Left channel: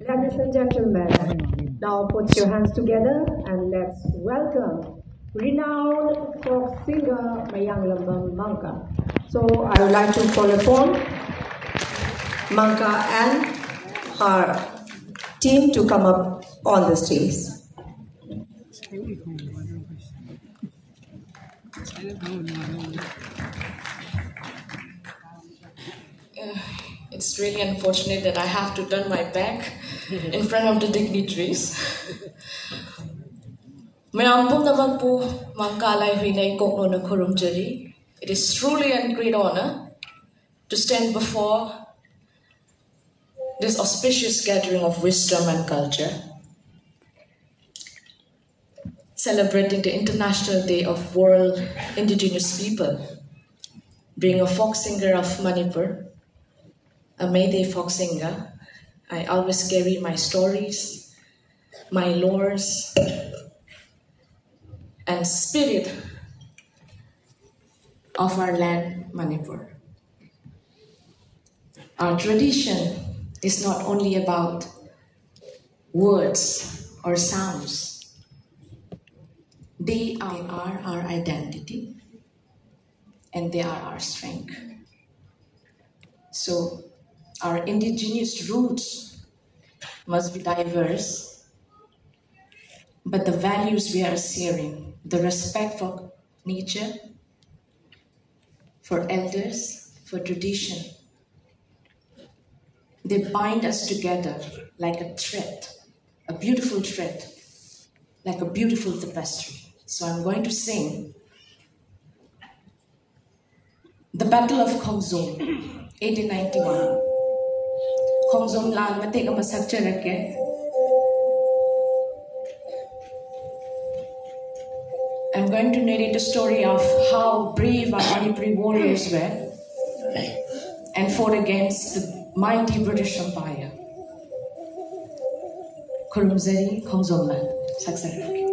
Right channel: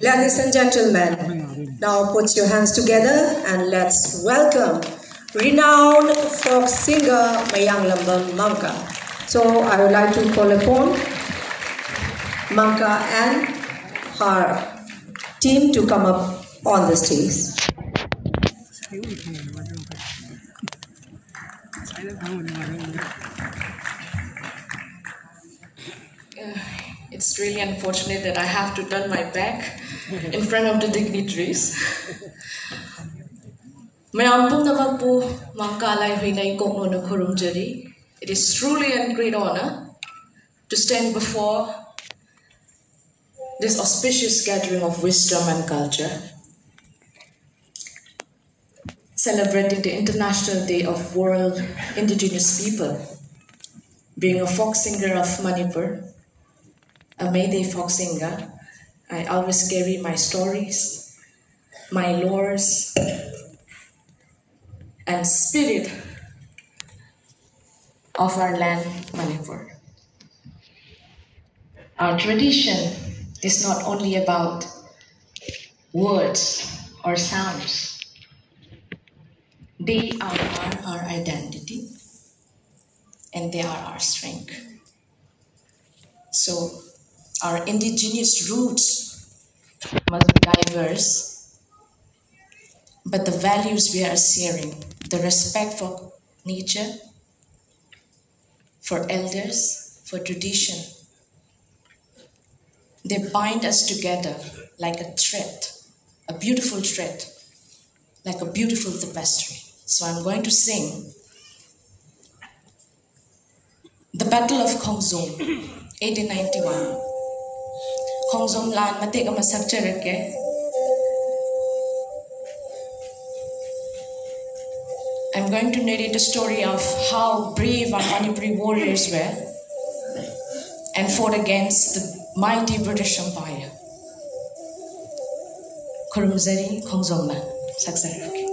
Ladies and gentlemen, now put your hands together and let's welcome renowned folk singer Mayang Lambang Mangka. So I would like to call upon Mangka and her team to come up on the stage. It's really unfortunate that I have to turn my back in front of the dignitaries. It is truly a great honor to stand before this auspicious gathering of wisdom and culture, celebrating the International Day of World Indigenous People. Being a folk singer of Manipur, a Meitei folk singer, I always carry my stories, my lores, and spirit of our land, Manipur. Our tradition is not only about words or sounds. They are our identity, and they are our strength. So, our indigenous roots must be diverse, but the values we are sharing, the respect for nature, for elders, for tradition, they bind us together like a thread, a beautiful thread, like a beautiful tapestry. So I'm going to sing The Battle of Khongzom, 1891. Khongzom Lan Matek ama sakcharake. I'm going to narrate a story of how brave our Manipuri warriors were and fought against the mighty British Empire. Khurumzari Khongzom Lan sakcharake.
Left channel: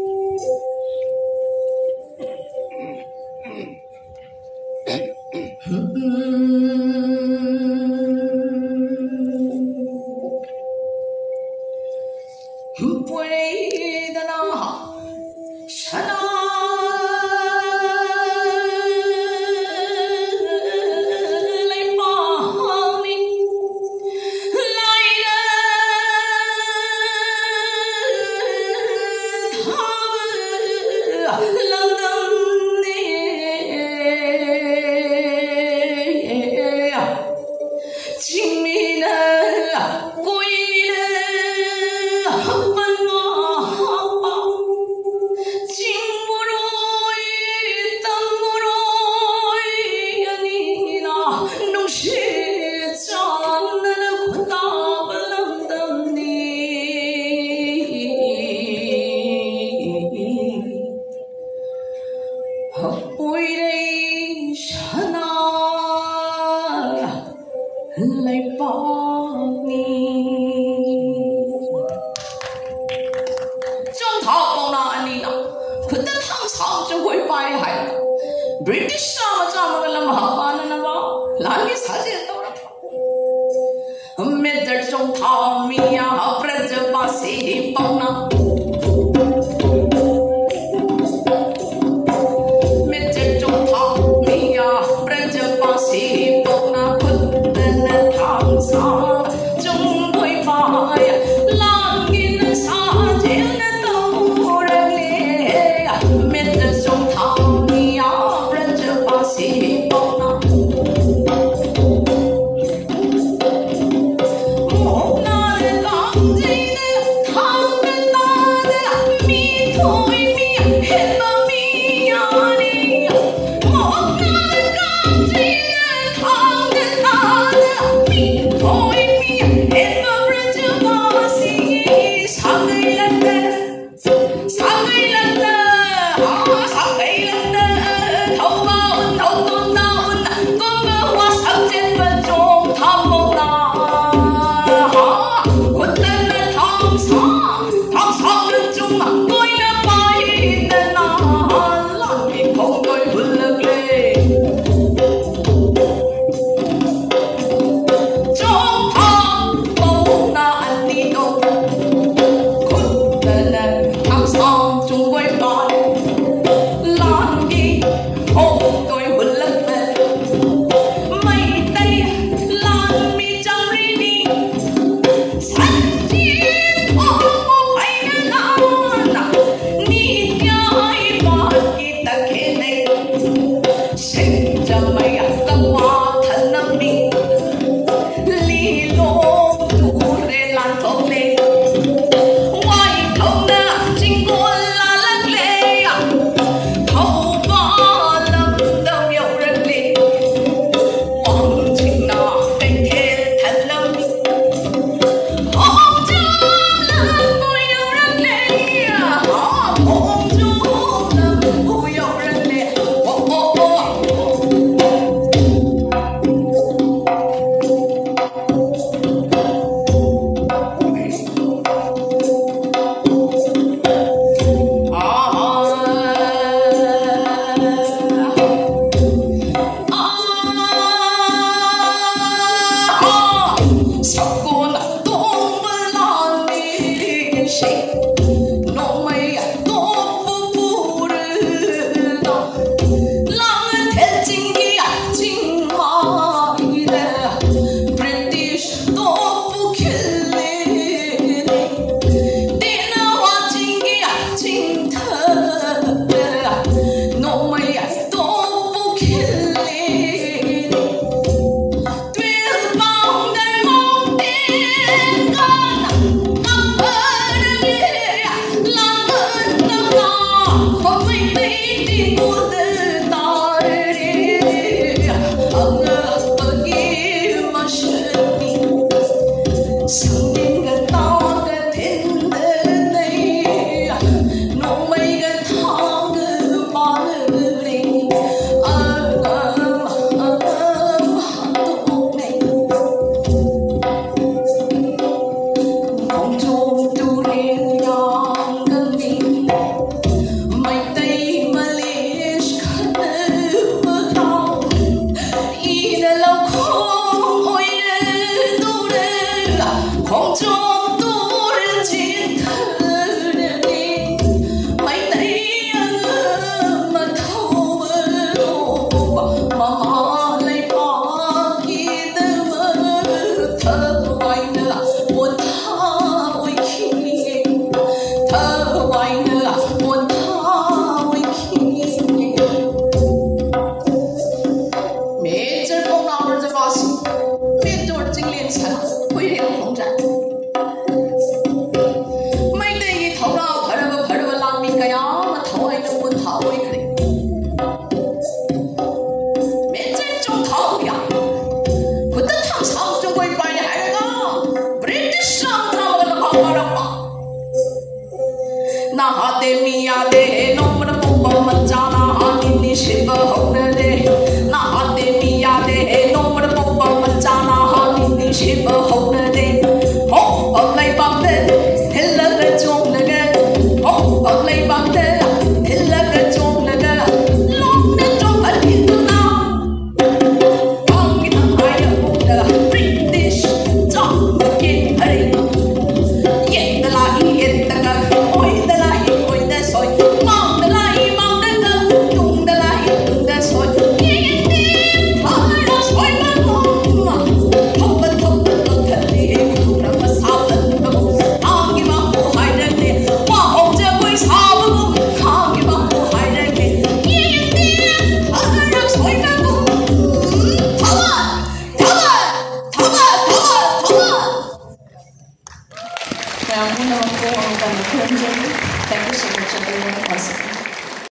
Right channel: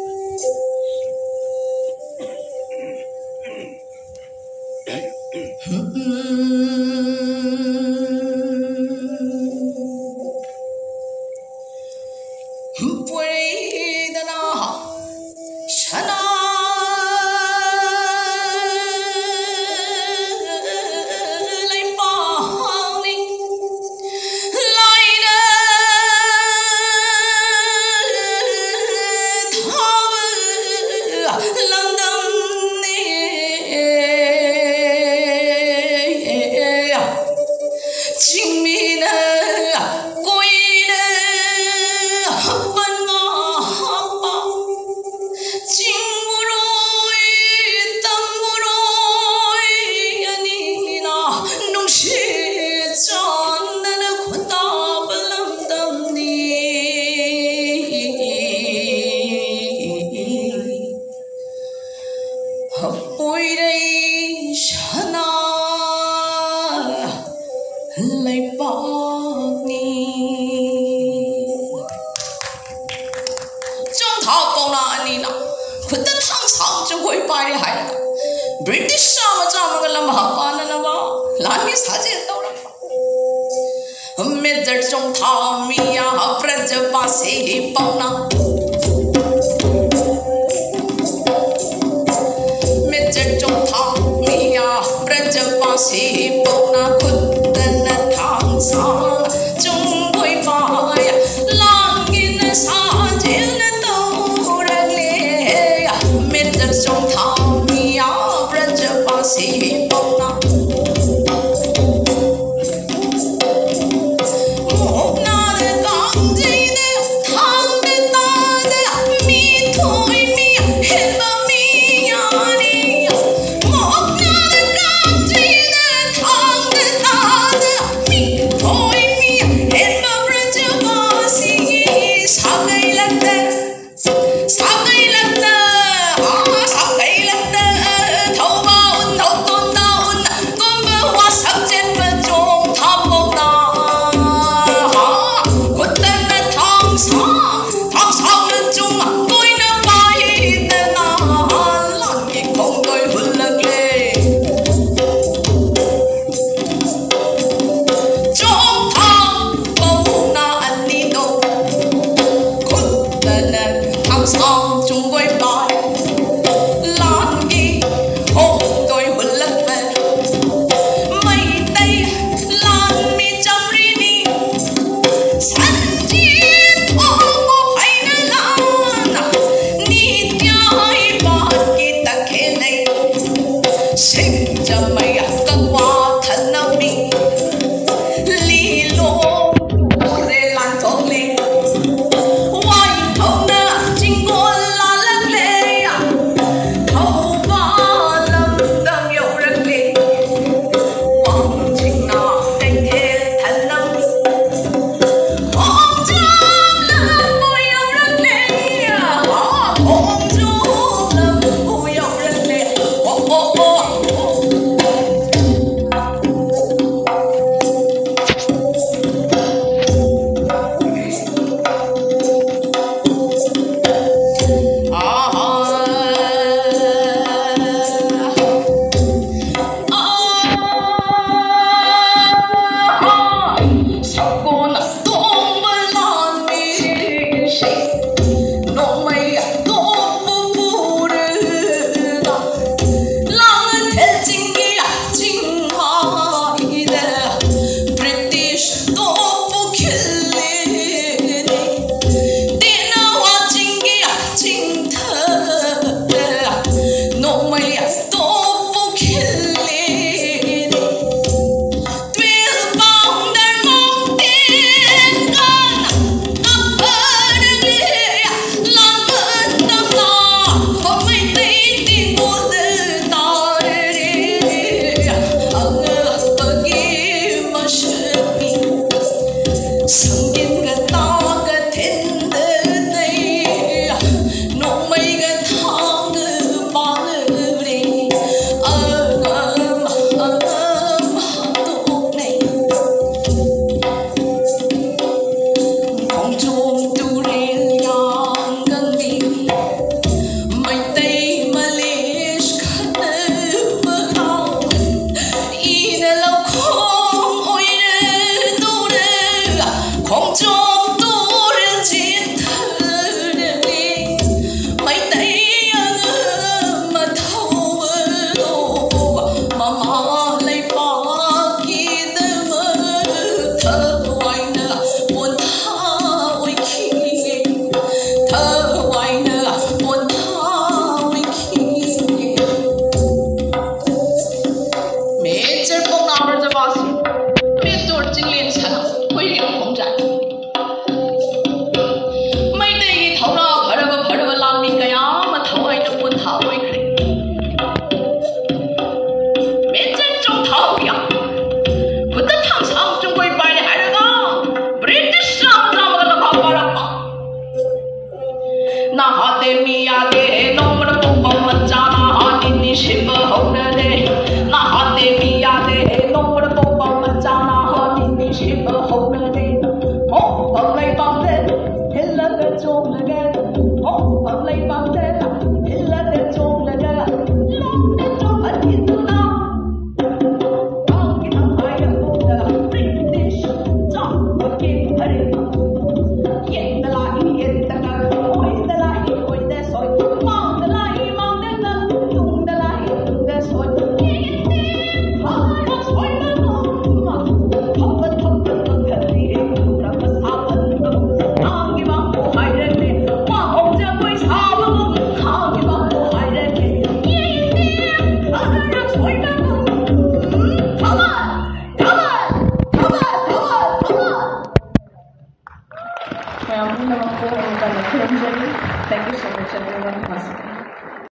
British Don't talk, oh, na, and Thank you so much everyone.